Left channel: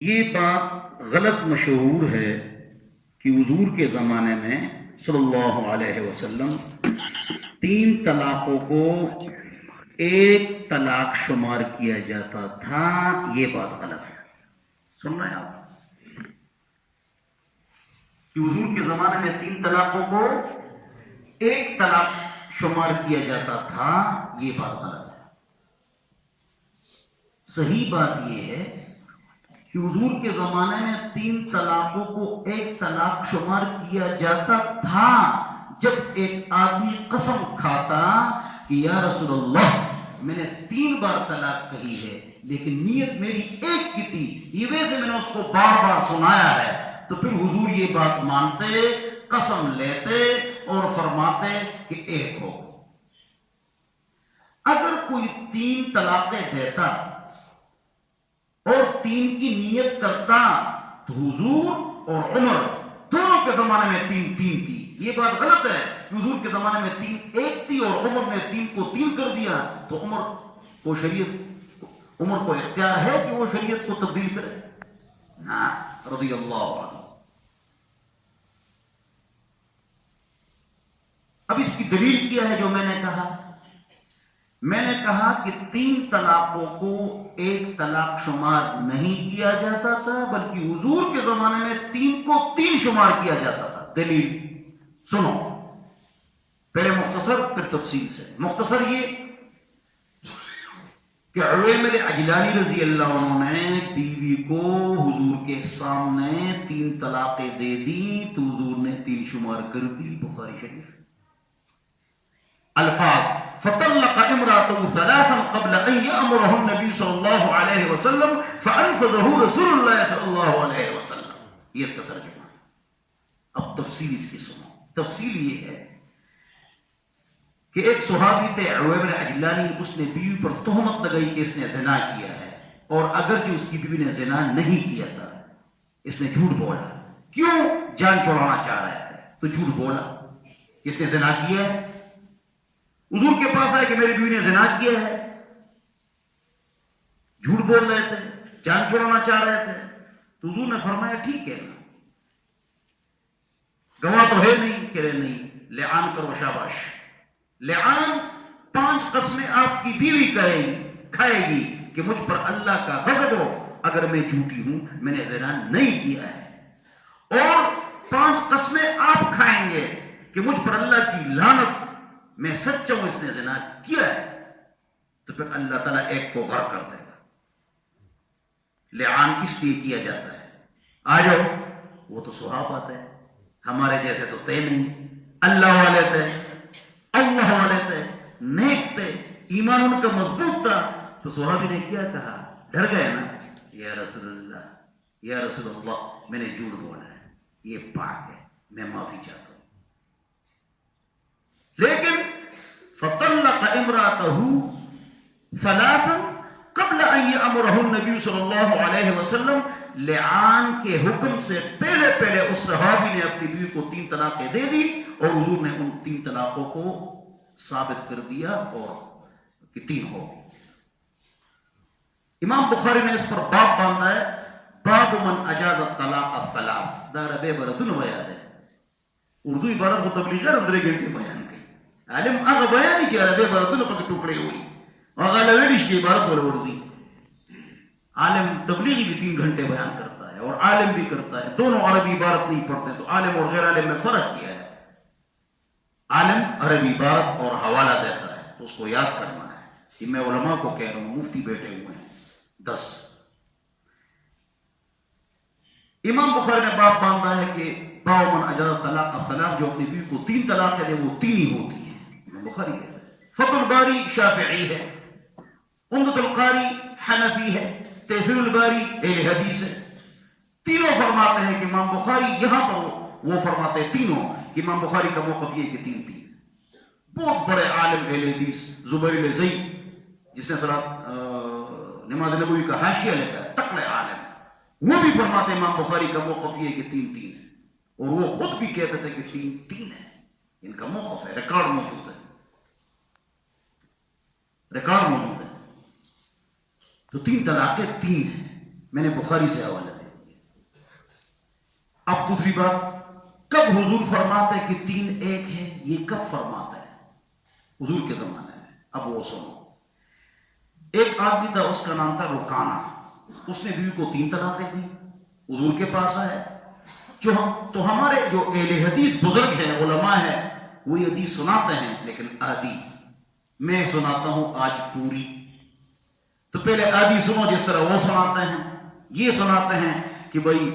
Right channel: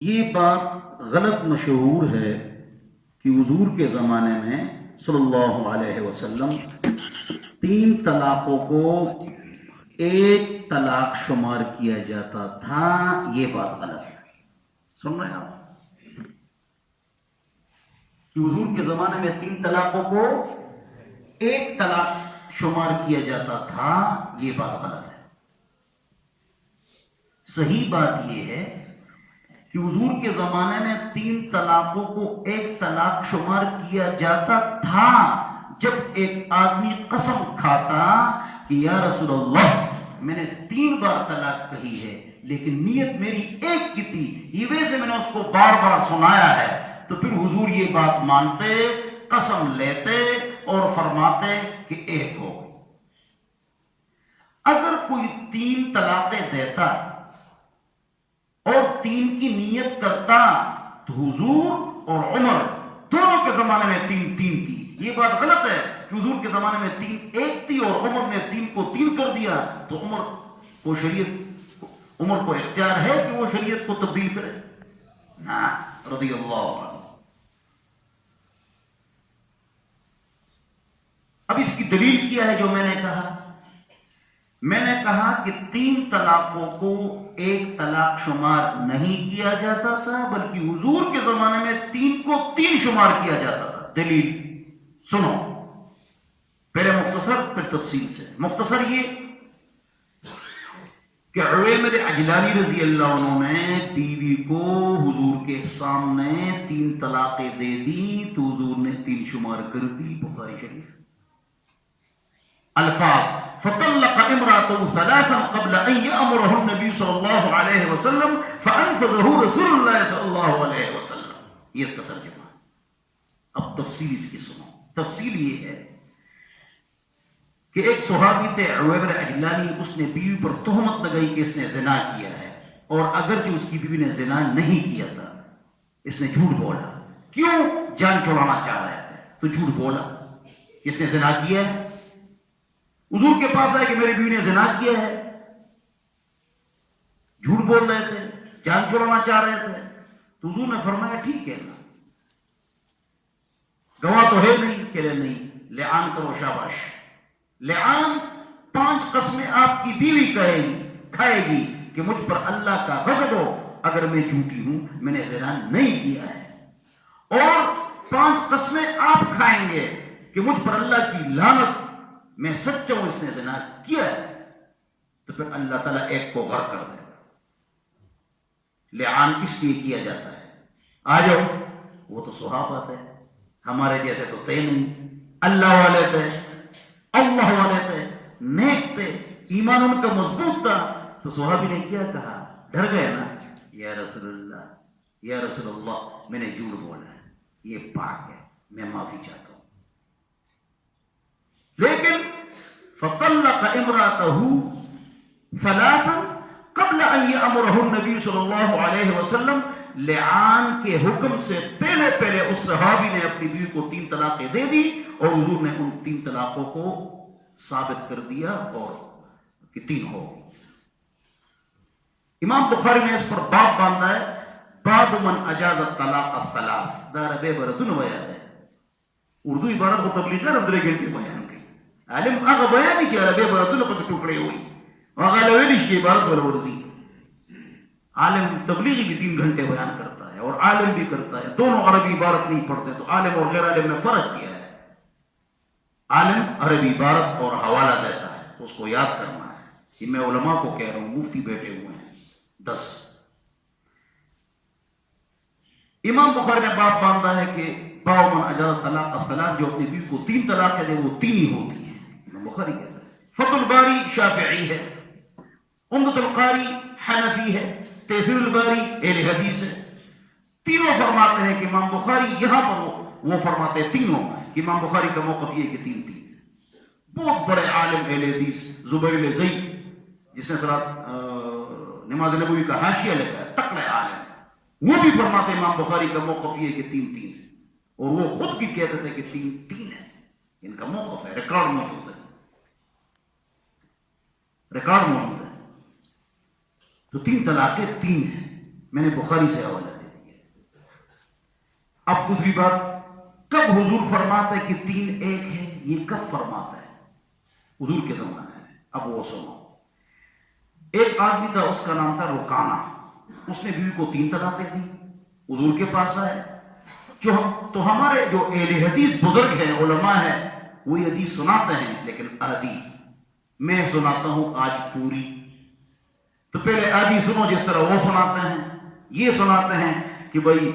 یہ بات غلط مشہور ہے کہ حضور کے زمانے میں صلی اللہ علیہ وسلم 3 طلاقوں کو ایک طلاق شمار کیا جاتا تھا. یہ بات غلط ہے. سن رہے ہیں آپ کہ حضور کے زمانے میں 3 طلاقوں کو ایک طلاق شمار کیا جاتا تھا. یہ بات غلط ہے. صحیح بات یہ ہے کہ حضور کے زمانے میں 3 طلاقوں کو ایک طلاق شمار کیا جاتا تھا جب ایک آدمی قسم کھاتا کہ یا رسول اللہ میں نے 3 بار طلاق کہی ہے لیکن نیت میری ایک کی تھی، یہ وجہ سے میں نے اس کو بار بار سنایا ہے. تو پھر حضور یہ بات مانتے، قسم لیتے اور فرماتے کہ ایک ہو. اگر کوئی 3 طلاقیں دیتا اور 3 کی نیت کرتا تو حضور اور عمر دونوں کے زمانے میں 3 تھی. یہ بات غلط ہے کہ حضور کے زمانے میں 3 ایک تھی اور عمر نے 3 کو 3 کر دیا. تو عمر کو اختیار ہے کہ وہ شریعت کو تبدیل کرے. ہاں رضی اللہ عنہ. اب اس کی دلیل کیا ہے جو میں نے کہا؟ میں نے کہا کہ 3 طلاقوں کو ایک طلاق شمار نہیں کیا جاتا تھا بلکہ حضور کے زمانے میں 3 کو 3 شمار کیا جاتا تھا. دلیل سنو، پہلے مختصر پھر تفصیل سے. مختصر یہ کہ عویمر عجلانی رضی اللہ عنہ نے بیوی کو حضور کے سامنے 3 طلاقیں دے دی تو حضور نے 3 شمار کر دی. بخاری شریف. الفاظ فطلق امراته 3 قبل ان يأمره النبي صلى الله عليه وسلم فانفذه رسول الله صلى الله عليه وسلم. یہ اس کا ترجمہ ہے. اب تفصیل اس کی سنو. تفصیل یہ ہے کہ ایک صحابی تھے عویمر عجلانی، اس نے بیوی پر تہمت لگائی کہ اس نے زنا کیا ہے، اور اگرچہ اس کی بیوی نے زنا نہیں کیا تھا اس نے جھوٹ بولا. کیوں؟ جان چھڑانا چاہ رہے تھے تو جھوٹ بولا کہ اس نے زنا کیا ہے. حضور کے پاس آئے کہ میری بیوی نے زنا کیا ہے. جھوٹ بول رہے تھے، جان چھڑانا چاہ رہے تھے. تو حضور نے فرمایا ٹھیک ہے نا، گواہ تو ہے نہیں. کہہ رہے نہیں، لعان کرو. شاباش. لعان 5 قسمیں آپ کی بیوی کھائے گی کہ مجھ پر اللہ کا غضب ہو اگر میں جھوٹی ہوں، میں نے زنا نہیں کیا ہے. اور 5 قسمیں آپ کھائیں گے کہ مجھ پر اللہ کی لعنت، میں سچا ہوں اس نے زنا کیا ہے. تو پھر اللہ تعالیٰ ایک کو غرق کر دے گا. لعان اس لیے کیا جاتا ہے. آ جاؤ، وہ تو صحابہ تھے، ہمارے جیسے تو تھے نہیں. اللہ والے تھے، اللہ والے تھے، نیک تھے، ایمان ان کا مضبوط تھا. تو صحابی نے کیا کہا؟ ڈر گئے نا، یا رسول اللہ، یا رسول اللہ میں نے جھوٹ بولا ہے، یہ پاک ہے، میں معافی چاہتا ہوں. لیکن فطلق امراته 3 قبل ان يأمره النبي صلی اللہ علیہ وسلم. لعان کے حکم سے پہلے اس صحابی نے اپنی بیوی کو 3 طلاقیں دے دی اور حضور نے ان 3 طلاقوں کو ثابت کر دیا اور کہ 3 ہو. امام بخاری نے اس پر باب باندھا ہے، باب من اجاز الطلاق الثلاث. دار بے برتن بیان ہے. اردو عبارت کو تبلیغ اندرے گھنٹے بیان کی. عالم هغه بیان چې عربی عبارتونه پکې ټوکړې وي، هغه لویل شي عبارت ول ورزي. عالم تبلیغی بھی 3 گھنٹے بیان کرتا ہے اور عالم بھی کرتا ہے. دونوں عربی عبارت نہیں پڑھتے. تو عالم اور غیر عالم میں فرق کیا ہے؟ عالم عربی عبارت اور حوالہ دیتا ہے تو اس کو یاد کرنا ہے. کہ میں علماء کو کہہ رہا ہوں، مفتی بیٹھے ہوئے ہیں 10. امام بخاری نے باب باندھا ہے کہ باب من اجاز طلاق الثلاث، جو اپنی بیوی کو 3 طلاق دے وہ 3 ہی ہوتی ہیں. بخاری کہتا ہے. فتح الباری شافعی ہے، عمدۃ القاری حنفی ہے، تیسیر الباری اہل حدیث ہے. تینوں فرماتے ہیں کہ امام بخاری یہاں پر وہ فرماتے ہیں تینوں کہ امام بخاری کا موقف یہ کہ 3 تھی. بہت بڑے عالم اہل حدیث زبیر الزئی، جس نے نماز نبوی کا حاشیہ لکھا ہے، تکڑے عالم، وہ بھی فرماتے ہیں امام بخاری کا موقف یہ کہ 3 ہے. اور وہ خود بھی کہتے تھے کہ 3 ہے. ان کا موقف ہے، ریکارڈ موجود ہے. ریکارڈ موجود ہے. تو 3 طلاقیں 3 ہیں. میں نے بخاری سے حوالہ دے دیا۔ اب دوسری بات، کب حضور فرماتا ہے کہ تین ایک ہے، یہ کب فرماتا ہے؟ حضور کے زمانے میں۔ اب وہ سنو، ایک آدمی تھا، اس کا نام تھا رکانہ، اس نے بیوی کو 3 طلاقیں دی، حضور کے پاس آئے تو ہمارے جو اہل حدیث بزرگ ہیں، علماء ہیں، وہ یہ حدیث سناتے ہیں لیکن آدھی، میں سناتا ہوں آج پوری۔ تو پہلے آدھی سنو جس طرح وہ سناتے ہیں۔ یہ سناتے ہیں کہ بھائی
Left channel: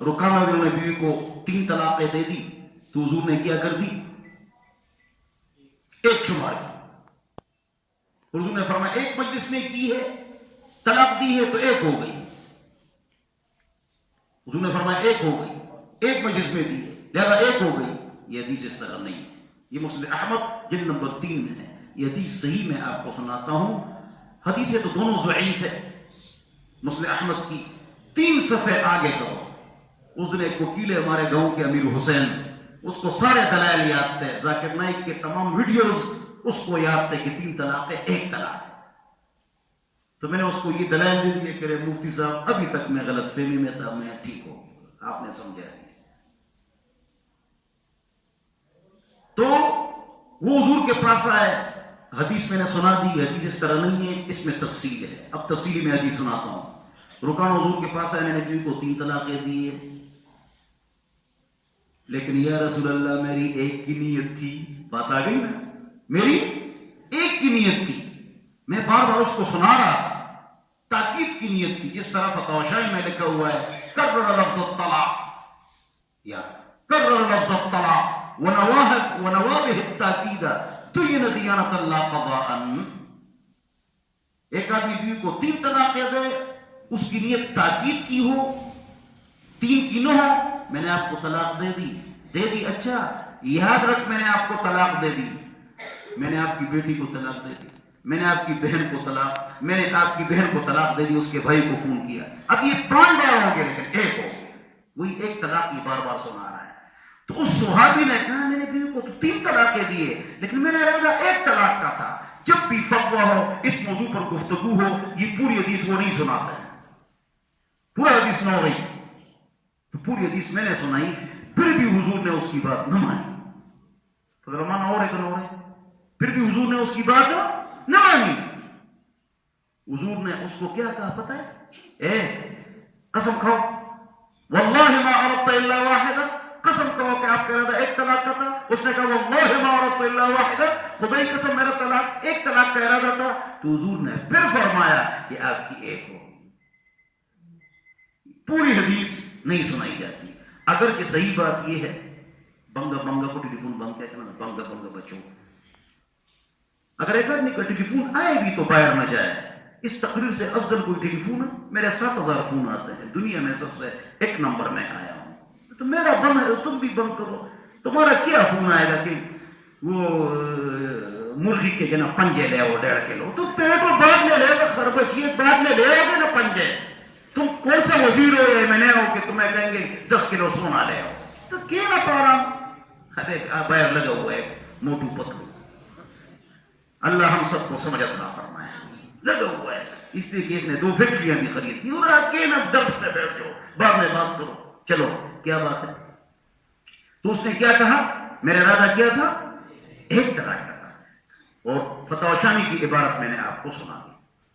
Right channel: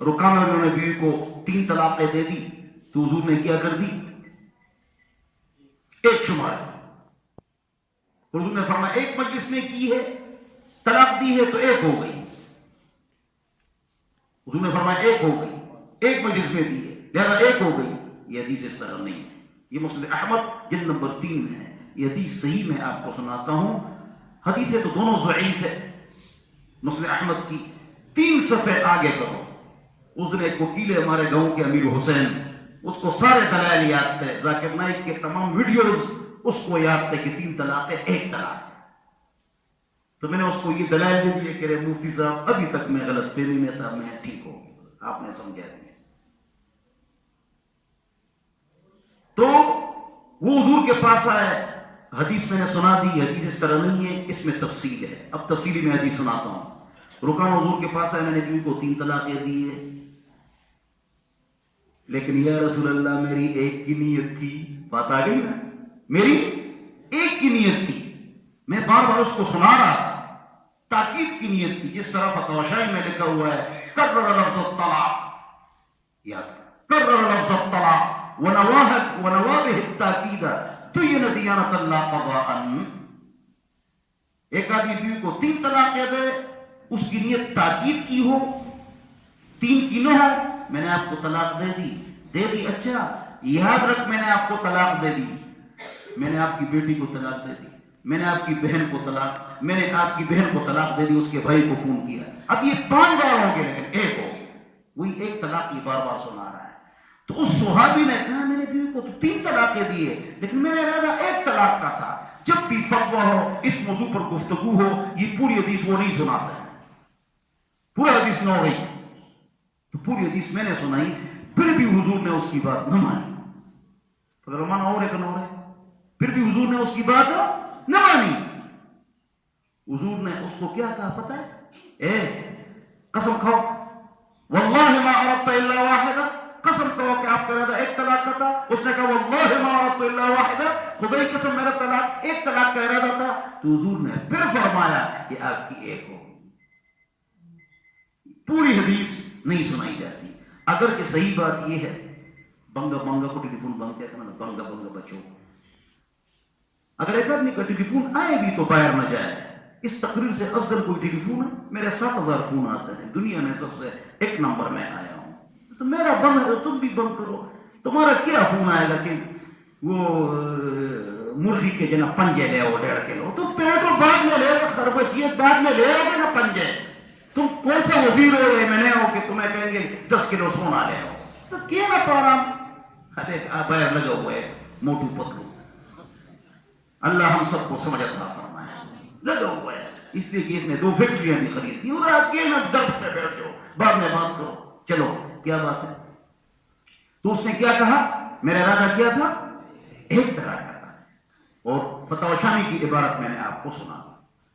رکانہ نے بیوی کو 3 طلاقیں دے دی، تو حضور نے کیا کر دی؟ ایک شمار کی۔ حضور نے فرمایا ایک مجلس میں کی ہے، طلاق دی ہے تو 1 ہو گئی۔ حضور نے فرمایا 1 ہو گئی، ایک مجلس میں دی ہے لہذا 1 ہو گئی۔ یہ حدیث اس طرح نہیں ہے، یہ مسند احمد جلد نمبر 3 میں ہے۔ یہ حدیث صحیح میں آپ کو سناتا ہوں، حدیثیں تو دونوں ضعیف ہے۔ مسند احمد کی 3 صفحے آگے کرو، اس دن ایک وکیل ہے ہمارے گاؤں کے امیر حسین، اس کو سارے دلائل یاد تھے، ذاکر نائک کے تمام ویڈیوز اس کو یاد تھے کہ 3 طلاق ہے، 1 طلاق ہے۔ تو میں نے اس کو یہ دلائل دے دی کہ مفتی صاحب ابھی تک میں غلط فہمی میں تھا، میں ٹھیک ہو گیا، آپ نے سمجھا دیا۔ تو وہ حضور کے پاس آئے، حدیث میں نے سنا دی، حدیث اس طرح نہیں ہے، اس میں تفصیل ہے۔ اب تفصیلی میں حدیث سناتا ہوں۔ رکانہ حضور کے پاس آئے، میں نے بیوی کو 3 طلاقیں دی ہے، لیکن یا رسول اللہ میری 1 کی نیت تھی۔ بات آ گئی نا، میری 1 کی نیت تھی، میں بار بار اس کو سنا رہا تھا، تاکید کی نیت تھی۔ جس طرح فتاوی شاہی میں لکھا ہوا ہے، کرر لفظ الطلاق، یاد کرر لفظ الطلاق ونوابه التاکید تین دیانت اللہ قضاء۔ ایک آدمی بیوی کو 3 طلاقیں دے، اس کی نیت تاکید کی ہو، 3 کی نہ ہو، میں نے آپ کو طلاق دے دی، اچھا یاد رکھ میں نے آپ کو طلاق دے دی، میں نے آپ کی بیٹی کو طلاق دے دی، میں نے آپ کی بہن کو طلاق دے دی، اس کے بھائی کو فون کیا۔ اب یہ 5 بار ہو گیا لیکن 1 ہو گیا، وہی 1 طلاق یہ بار بار سنا رہا ہے۔ تو اس صحابی نے کہا میں نے بیوی کو تو 3 طلاقیں دیے، لیکن میں نے ارادہ 1 طلاق کا تھا۔ جب بھی فتویٰ ہو، اس موضوع پر گفتگو ہو، یہ پوری حدیث وہ نہیں سناتے ہیں، پورا حدیث نہ ہو رہی تو پوری حدیث میں نے سنائی، پھر بھی حضور نے اس کی بات نہ مانی۔ تو رمانہ ہو رہے کہ نہ ہو رہے، پھر بھی حضور نے اس کی بات نہ مانی۔ حضور نے اس کو کیا کہا پتہ ہے؟ قسم کھاؤ واللہ ما اردت الا واحدہ، قسم کہو کہ آپ کا ارادہ 1 طلاق کا تھا۔ اس نے کہا واللہ ما اردت الا واحدہ، خدا کی قسم میرا طلاق 1 طلاق کا ارادہ تھا۔ تو حضور نے پھر فرمایا کہ آپ کی 1 ہو۔ پوری حدیث نہیں سنائی جاتی، اگرچہ صحیح بات یہ ہے، بنگا کو ٹیلی فون بند کہتے ہیں، بنگا بچو، اگر ایک آدمی کا ٹیلی فون آئے بھی تو باہر نہ جائے۔ اس تقریر سے افضل کوئی ٹیلی فون ہے؟ میرے 7000 فون آتے ہیں، دنیا میں سب سے 1 نمبر میں آیا ہوں، تو میرا بند ہے، تم بھی بند کرو۔ تمہارا کیا فون آئے گا کہ وہ مرغی کے جنا پنجے لے وہ 1.5 کلو، تو پیٹرول بعد میں لے گا، خربچیت بعد میں لے گا نا پنجے۔ تم کون سا وزیر ہو یا میں نے ہو کہ تمہیں کہیں گے 10 کلو سونا لے آؤ؟ تو کیا نہ پارام باہر لگا ہوا ہے موٹو پتلو۔ اللہ ہم سب کو سمجھ عطا فرمائے، لگا ہوا ہے، اس لیے کہ اس نے 2 فیکٹریاں بھی خرید دی، اور آگے نا درس میں بیٹھ جاؤ، بعد میں بات کرو۔ چلو کیا بات ہے؟ تو اس نے کیا کہا؟ میرا ارادہ کیا تھا 1 طلاق کا تھا، اور فتاوی شامی کی عبارت میں نے آپ کو سنا دی۔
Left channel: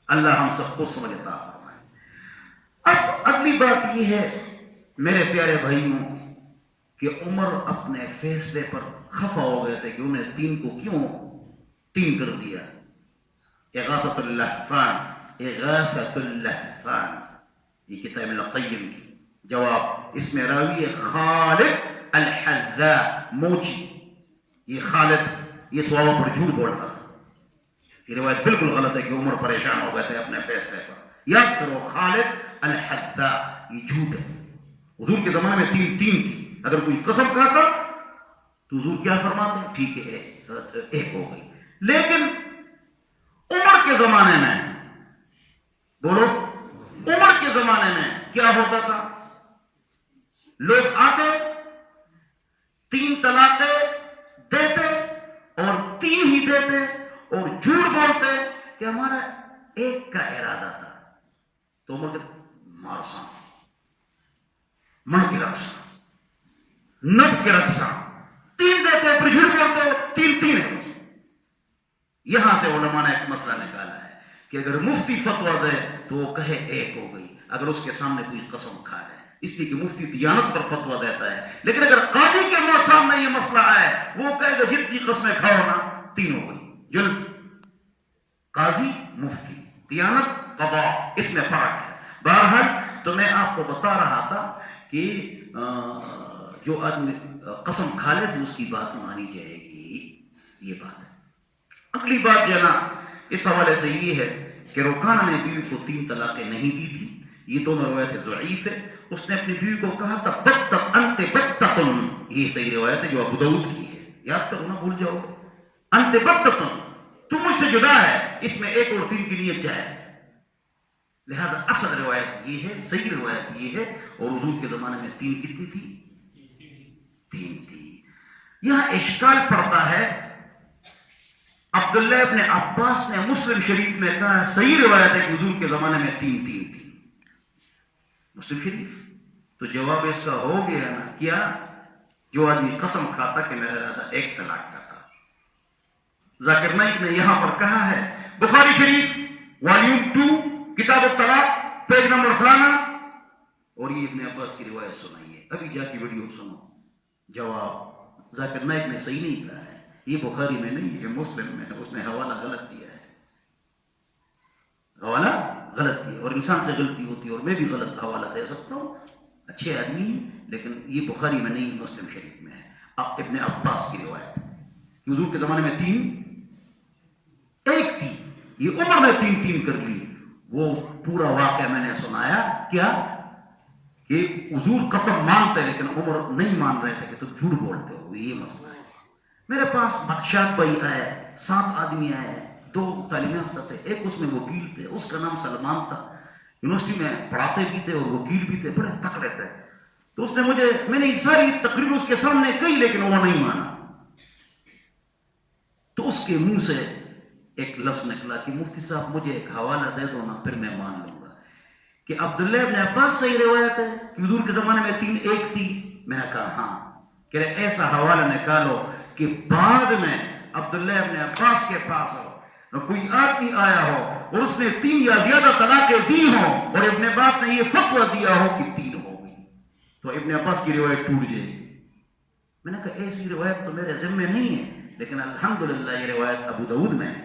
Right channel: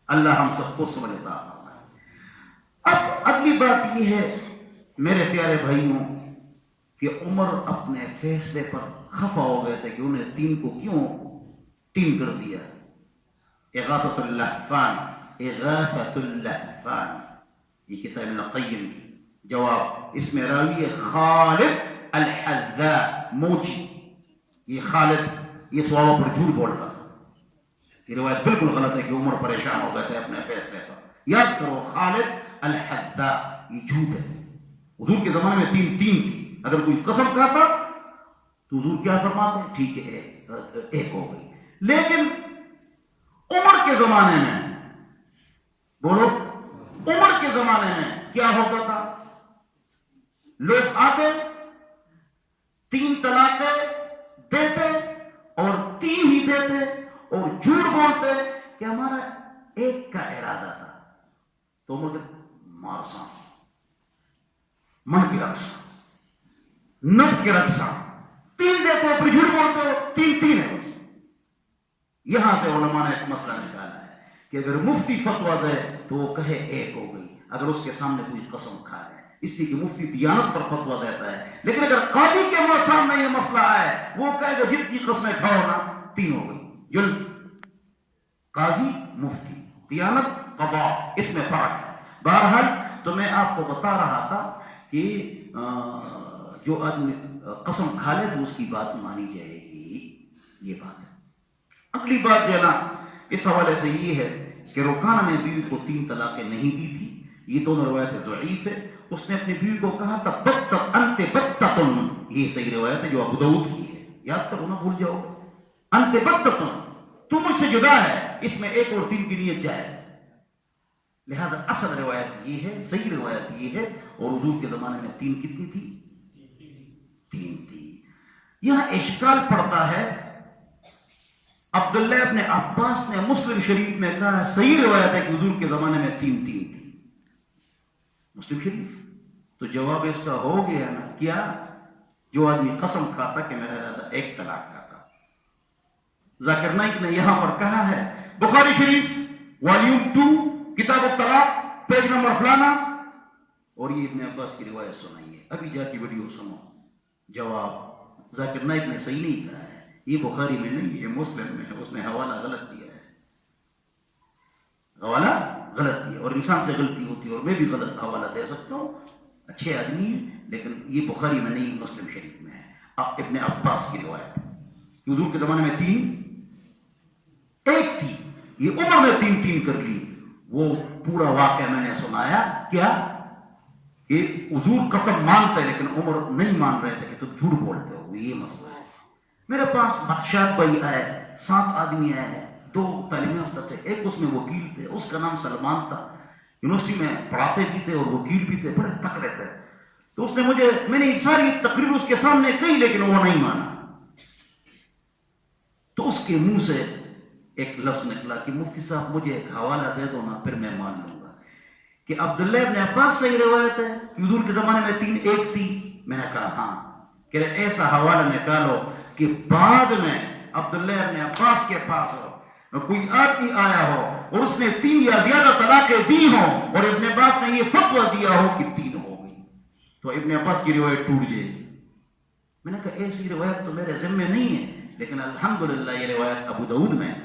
اللہ ہم سب کو سمجھ عطا فرمائے۔ اب اگلی بات یہ ہے میرے پیارے بھائیوں کہ عمر اپنے فیصلے پر خفا ہو گئے تھے کہ انہیں 3 کو کیوں 3 کر دیا۔ اغاثۃ اللہفان، اغاثۃ اللہفان، یہ کتاب ابن القیم کی جواب، اس میں راوی خالد الحذاء موچی، یہ خالد یہ سوالوں پر جھوٹ بولتا، یہ روایت بالکل غلط ہے کہ عمر پریشان ہو گئے تھے اپنے فیصلے پر۔ یاد کرو خالد الحذاء، یہ جھوٹ ہے۔ حضور کے زمانے میں 3 تھی، اگر کوئی قسم کھاتا تو حضور کیا فرماتے ہیں؟ ٹھیک ہے 1 ہو گئی۔ لیکن عمر کے زمانے میں، بولو عمر کے زمانے میں کیا ہوتا تھا؟ لوگ آتے 3 طلاقیں دیتے اور 3 ہی دیتے اور جھوٹ بولتے کہ ہمارا 1 کا ارادہ تھا۔ تو عمر کے مارساں، من کی رقصہ، نب کی رقصہ، تین دیتے ہیں پھر جھوٹ بولتے ہو، تین تین ہے بس۔ یہاں سے علماء نے ایک مسئلہ نکالا ہے کہ اگر مفتی فتویٰ دے تو وہ کہے ایک ہو گئی اگر اس کے سامنے کوئی قسم کھا ہے، اس لیے کہ مفتی دیانت پر فتویٰ دیتا ہے، لیکن اگر قاضی کے سامنے یہ مسئلہ آئے وہ کہے گا جتنی قسمیں کھاؤ نا تین ہو گئی۔ جل قاضی مفتی، دیانت قضاء، اس میں فرق ہے۔ بہرحال تو میں آپ کو بتا رہا تھا کہ جو آدمی قسم کھا لے تو اس کی بات مانی جائے گی، یہ بات ہے۔ اگلی بات جو ہے نا اس حوالے سے یہ ہے کہ رکانہ نے بیوی کو 3 طلاقیں نہیں دی تھی، یہ دونوں روایتیں ضعیف ہے۔ اس نے اپنی بیوی کو کہا تھا بتت انت بتتن، یہ صحیح روایت ہے جو ابو داؤد کی ہے، یاد کرو نا بھول جاؤ گے۔ انت بتتن، تو مجھ سے جدا ہے، اس میں 1 اور 3 کی نیت جائز ہے، لہذا اصل روایت یہ ہے، صحیح روایت یہ ہے۔ اور حضور کے زمانے میں 3 کتنی تھی؟ 3 تھی۔ یہاں اشکال پڑتا ہے، عبداللہ ابن عباس نے مسلم شریف میں کہا صحیح روایت ہے کہ حضور کے زمانے میں 3 تھی، مسلم شریف، تو جواب اس کا ہو گیا نا کیا؟ جو آدمی قسم کھاتا کہ میرا ارادہ 1 طلاق کا تھا۔ ذاکر نائک نے یہاں پر کہا ہے بخاری شریف والیوم 2 کتاب الطلاق پیج نمبر فلانا، اور یہ ابن عباس کی روایت سنائی ہے، ابھی جا کے ویڈیو سنو۔ جواب ذاکر نائک نے صحیح نہیں کہا ہے، یہ بخاری میں نہیں، یہ مسلم میں ہے، اس نے حوالہ غلط دیا ہے، حوالہ غلط دیا، اور انسان سے غلطی ہوتی ہے، اور میں بھی غلط حوالہ دے سکتا ہوں، اچھے آدمی ہیں، لیکن یہ بخاری میں نہیں، مسلم شریف میں ہے۔ ابن عباس کی روایت حضور کے زمانے میں 3 1 تھی، یہ عمر نے 3 کر لی۔ وہ پورا واقعہ میں نے سنایا کیا کہ حضور قسم مانتے لیکن عمر نہیں مان رہے تھے کہ تم جھوٹ بولتے ہو، یہ مسئلہ ہے۔ میرے پاس بخشاد بھائی آئے، 7 آدمی آئے، 2 تعلیم یافتہ تھے، ایک اس میں وکیل تھے، اس کا نام سلمان تھا، یونیورسٹی میں پڑھاتے بھی تھے اور وکیل بھی تھے، بڑے تکڑے تھے۔ تو اس نے میں نے ساری تقریر اس کے سامنے کہی لیکن وہ نہیں مانا۔ تو اس کے منہ سے ایک لفظ نکلا کہ مفتی صاحب مجھے ایک حوالہ دے دو نا، پھر میں مان لوں گا کہ عبداللہ ابن عباس صحیح روایت ہے کہ حضور کے زمانے میں 3 1 تھی۔ میں نے کہا ہاں، کہ ایسا حوالہ نکالو کہ بعد میں عبداللہ ابن عباس کے پاس کوئی آدمی آیا ہو اور اس نے 3 یا زیادہ طلاقیں دی ہوں اور ابن عباس نے یہ فتویٰ دیا ہو کہ 3 ہو گئی، تو ابن عباس کی روایت ٹوٹ جائے گی۔ میں نے کہا ایسی روایت تو میرے ذمے نہیں ہے، لیکن الحمدللہ یہ روایت ابو داؤد میں ہے۔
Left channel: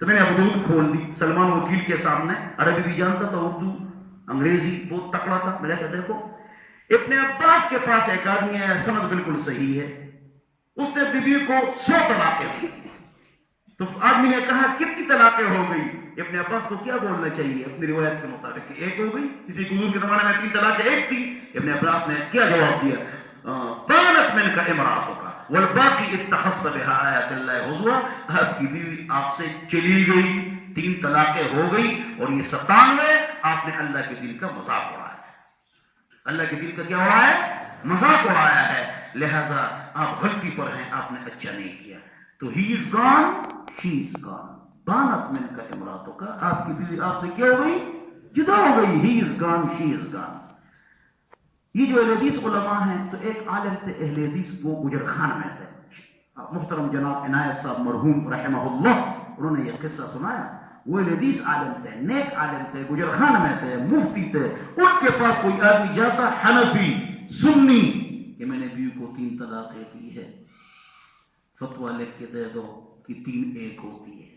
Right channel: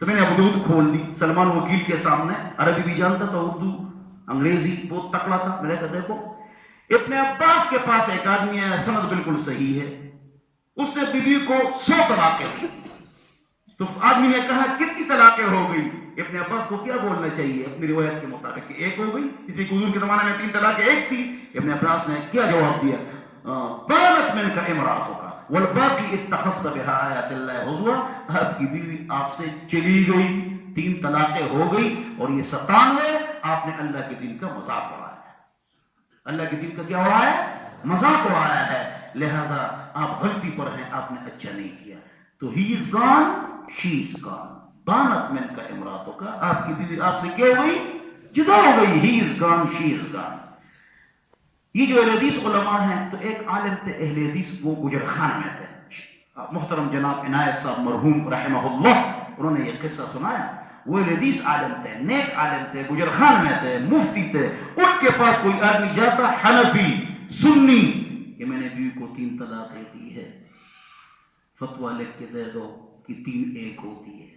تو میں نے ابو داؤد کھول دی سلمان وکیل کے سامنے، عربی بھی جانتا تھا، اردو انگریزی بہت تکڑا تھا۔ میں نے کہا دیکھو ابن عباس کے پاس ایک آدمی ہے، سند بالکل صحیح ہے، اس نے بیوی کو 100 طلاقیں دی۔ تو آدمی نے کہا کتنی طلاقیں ہو گئی؟ ابن عباس کو کیا بولنا چاہیے اپنی روایت کے مطابق کہ 1 ہو گئی، کسی حضور کے زمانے میں 3 طلاقیں 1 تھی۔ ابن عباس نے کیا جواب دیا؟ بانت من کا امراتوں کا والباقی اتخذت بها آیات اللہ حضوا، آپ کی بیوی آپ سے چلی گئی، 3 طلاقیں ہو گئی، اور یہ 97 آپ نے اللہ کے دل کا مذاق اڑایا ہے، اللہ کے دل کا کیا اڑایا ہے؟ مذاق اڑایا ہے، لہذا آپ غلطی پر ہیں، آپ نے اچھا نہیں کیا۔ تو ہی از گان شی از گان، بانت من کا امراتوں کا، آپ کی بیوی آپ سے کیا ہو گئی؟ جدا ہو گئی، ہی از گان شی از گان۔ یہ جو اہل حدیث علماء ہیں، تو ایک عالم تھے اہل حدیث، وہ گجر خان میں تھے، محترم جناب عنایت صاحب مرحوم رحمہ اللہ، انہوں نے یہ قصہ سنایا۔ وہ اہل حدیث عالم تھے، نیک عالم تھے، گجر خان میں تھے، مفتی تھے۔ ان کے پاس کوئی آدمی جاتا حنفی سنی کہ میں نے بیوی کو 3 طلاقیں دی ہے، فتویٰ لکھ کے دے دو کہ 3 1 ہوتی ہے۔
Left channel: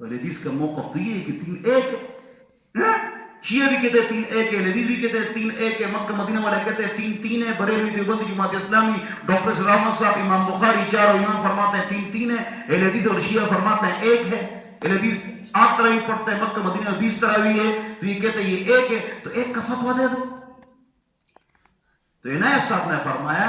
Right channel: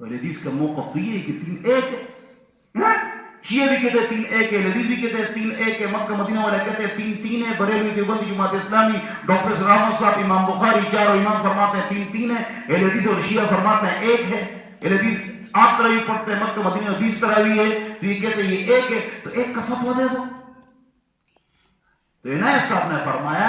تو اہل حدیث کا موقف تو یہ ہے کہ 3 1 ہے، شیعہ بھی کہتے ہیں 3 1 ہے، لذیذ بھی کہتے ہیں 3 1 ہے، مکہ مدینہ والے کہتے ہیں 3 3 ہے، بریلوی دیوبندی جماعت اسلامی ڈاکٹر سلام احمد صاحب امام بخاری چاروں امام فرماتے ہیں 3 3 ہے، اہل حدیث اور شیعہ فرماتے ہیں 1 ہے۔ اہل حدیث 8 تراویح پڑھتے ہیں، مکہ مدینہ 20 تراویح ہے، تو یہ کہتے ہیں یہ 1 ہے، تو 1 کا فتویٰ دے دو۔ تو عنایت صاحب نے فرمایا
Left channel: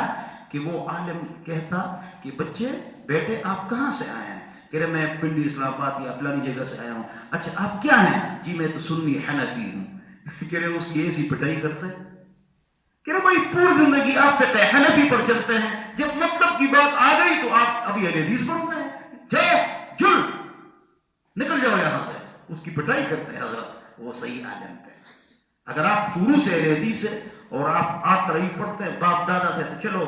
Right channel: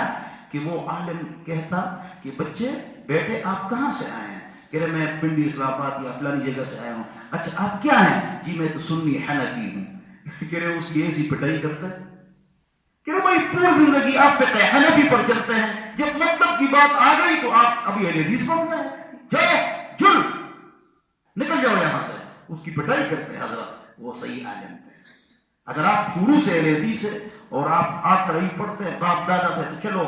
کہ وہ عالم کہتا کہ بچے بیٹے آپ کہاں سے آئے ہیں؟ کہہ رہے میں پنڈی اسلام آباد یا فلانی جگہ سے آیا ہوں۔ اچھا آپ کیا ہیں؟ جی میں تو سنی حنفی ہوں۔ کہہ رہے اس کی ایسی پٹائی کرتے ہیں، کہہ رہے بھائی پوری زندگی آپ فقہ حنفی پر چلتے ہیں، جب مطلب کی بات آ گئی تو آپ ابھی اہل حدیث پڑھ رہے ہیں، جاؤ جل نکل جاؤ یہاں سے۔ اس کی پٹائی کرتے ہیں حضرت، وہ صحیح عالم تھے۔ اگر آپ شروع سے اہل حدیث ہے اور آپ آج تراویح پڑھتے ہیں باپ دادا سے، تو چلو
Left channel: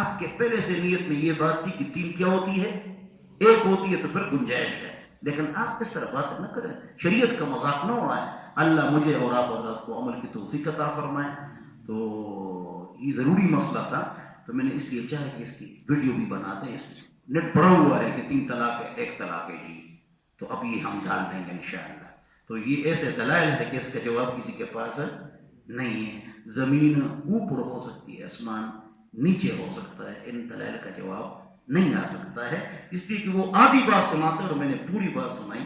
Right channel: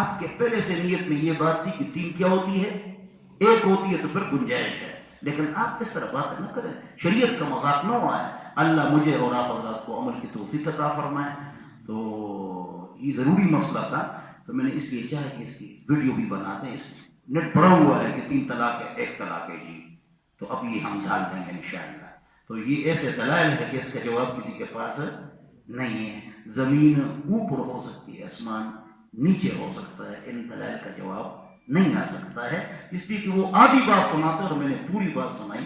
آپ کے پہلے سے نیت میں یہ بات تھی کہ 3 کیا ہوتی ہے، 1 ہوتی ہے، تو پھر گنجائش ہے. لیکن آپ اس طرح بات نہ کریں، شریعت کا مذاق نہ اڑائیں. اللہ مجھے اور آپ حضرات کو عمل کی توفیق عطا فرمائے. تو یہ ضروری مسئلہ تھا، تو میں نے اس لیے چاہا کہ اس کی ویڈیو بھی بنا دیں. اس نیٹ پڑا ہوا ہے کہ 3 طلاق ہے، 1 طلاق ہے جی، تو اب یہ ہم ڈال دیں گے انشاءاللہ. تو یہ ایسے دلائل ہے کہ اس کا جواب کسی کے پاس نہیں ہے. زمین اوپر ہو سکتی ہے، آسمان نیچے ہو سکتا ہے، ان دلائل کا جواب نہیں آ سکتا ہے، اس لیے کہ وہ آدھی بات سناتے اور میں نے پوری بات سنائی.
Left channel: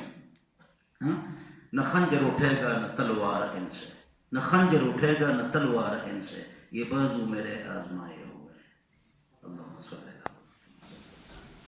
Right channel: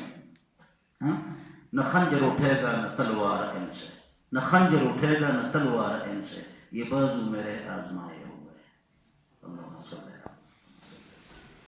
نہ خنجر اٹھے گا نہ تلوار ان سے، نہ خنجر اٹھے گا نہ تلوار ان سے، یہ بازو میرے آزمائے ہوئے. اللہ صلی